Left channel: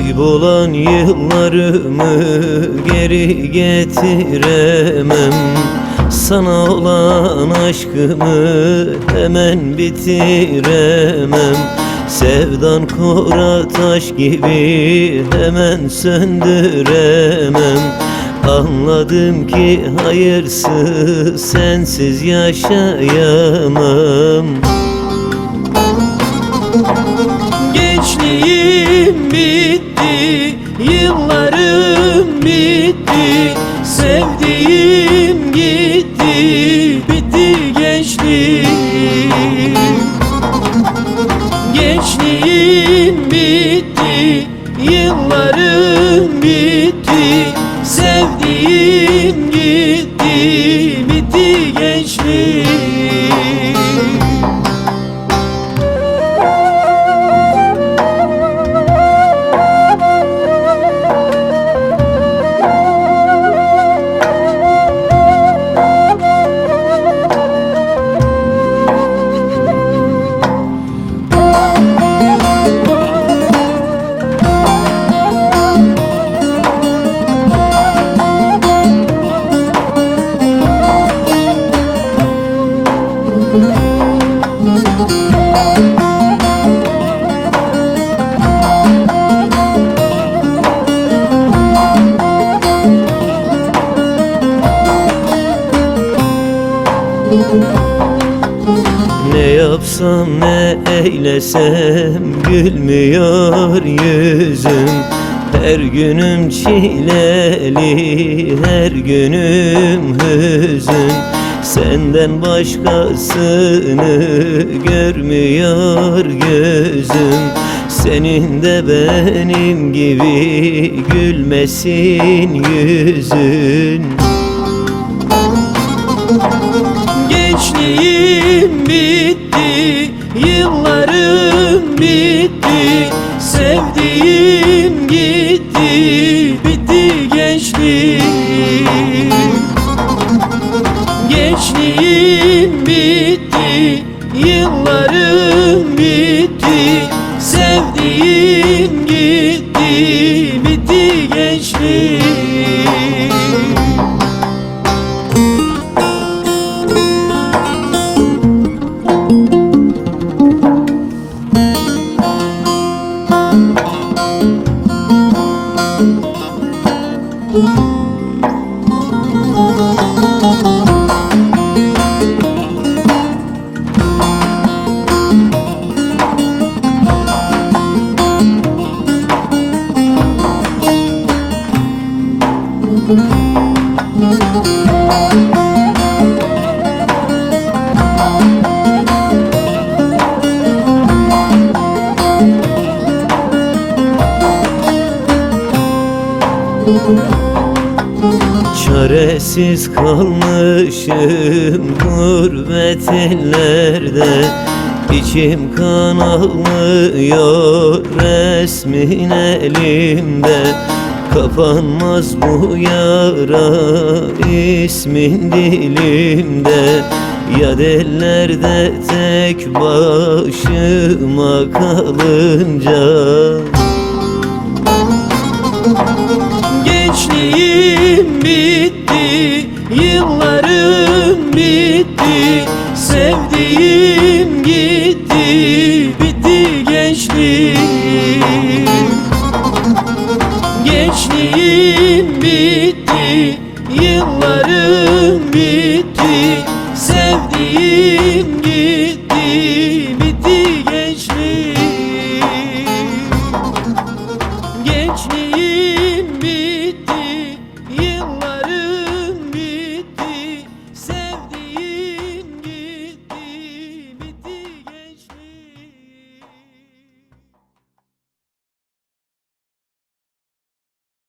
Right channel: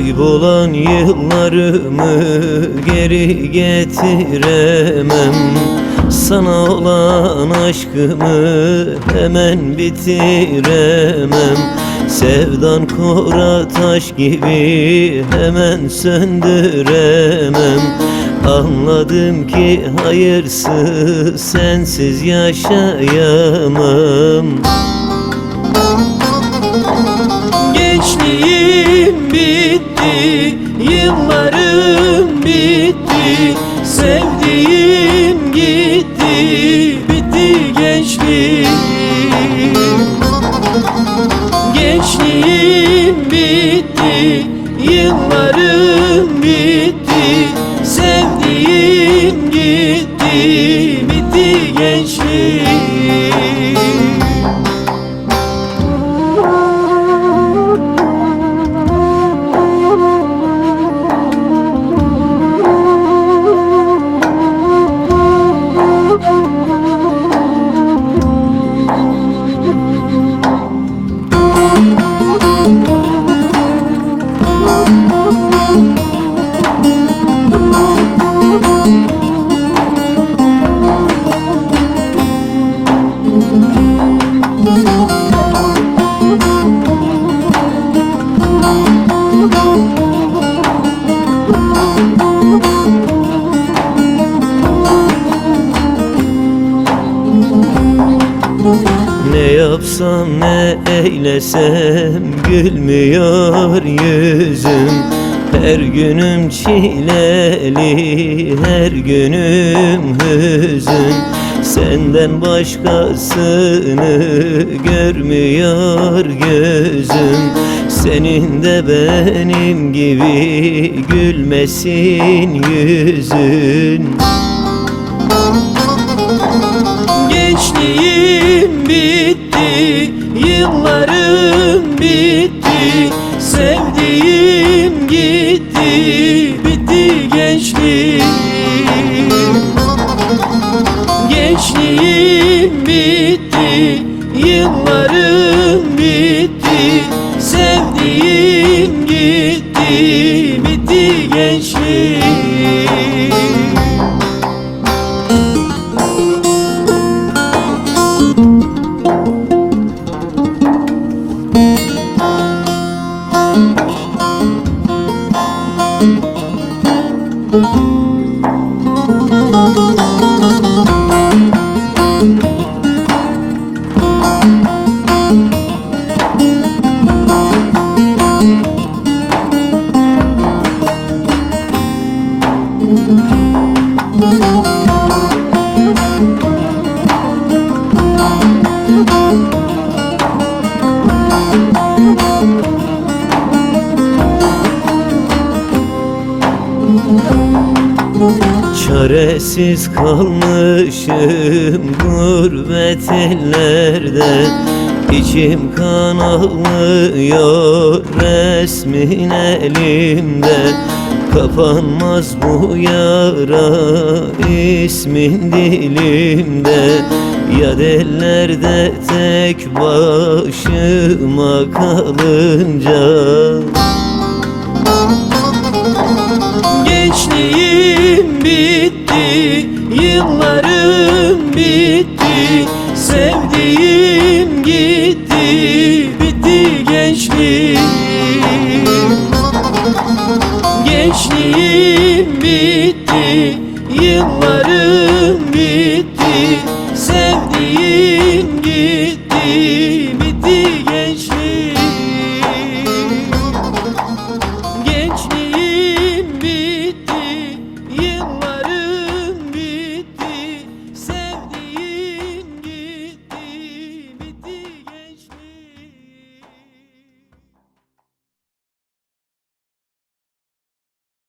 Kaybolan yıllarımı geri getiremem. Sana olan aşkımı hemen bitiremem. Sevdan kora taş gibi hemen söndüremem. Anladım ki hayırsız sensiz yaşayamam. Gençliğim bitti, yıllarım bitti, sevdiğim gitti, bitti gençliğim. Gençliğim bitti, yıllarım bitti, sevdiğim gitti, bitti gençliğim. Ne yapsam ne eylesem gülmüyor yüzüm. Her günüm çileli, her günüm hüzün. Senden başkasını görmüyor gözüm. Senin de benim gibi gülmesin yüzün. Gençliğim bitti, yıllarım bitti, sevdiğim gitti, bitti gençliğim. Gençliğim bitti, yıllarım bitti, sevdiğim gitti, bitti gençliğim. Çaresiz kalmışım gurbet ellerde. İçim kan ağlıyor resmin elimde. Kapanmaz bu yara ismin dilimde. Yad ellerde tek başıma kalınca. Gençliğim bitti, yıllarım bitti, sevdiğim gitti, bitti gençliğim. Gençliğim bitti, yıllarım bitti,